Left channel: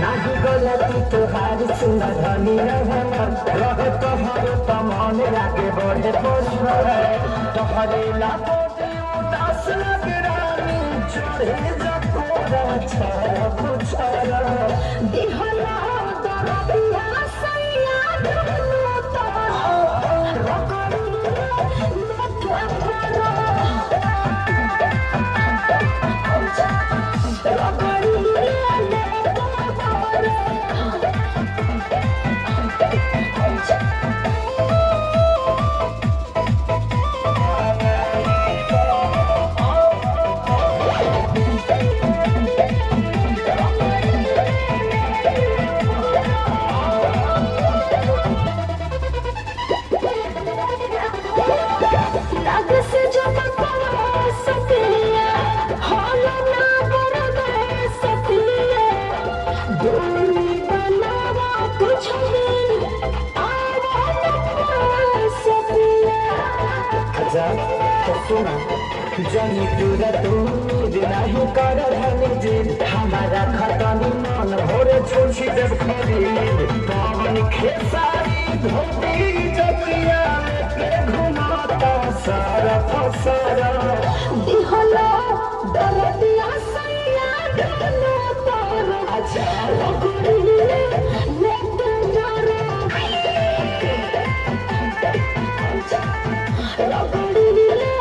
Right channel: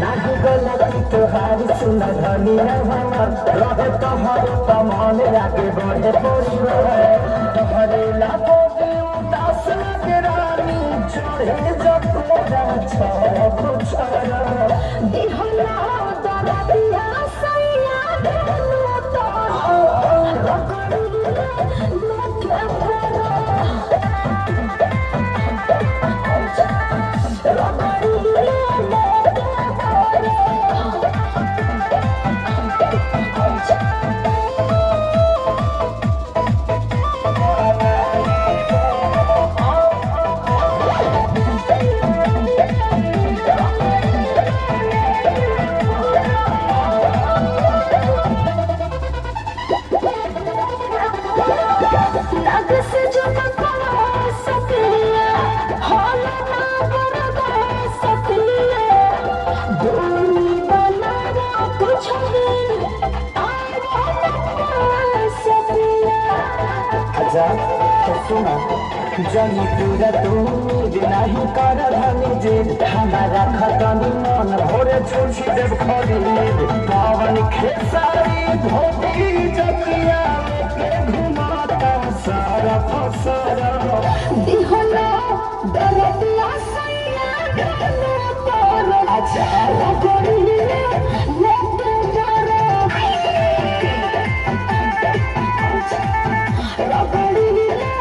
नाही गलती तोहारी सुना धनिया हमर रहे तोहर तमान आगे बढ़े परिवार तोहरे लाखों दे उदास लगे रानी चढ़े जब तोरा छाया कुछारा दिहला दरदिया सैया दिहला तोहरा जनी पूरा तुम नहीं कर धनी जे हमारा खतनी मन भोरे छोड़ी देव खरीद पावन खेसारी धोती जतिया के घुमाता सारा फसारा दिहला दरदिया सैया दिहला तोहरा अच्छा लगोरिया लेके मारा लगोरिया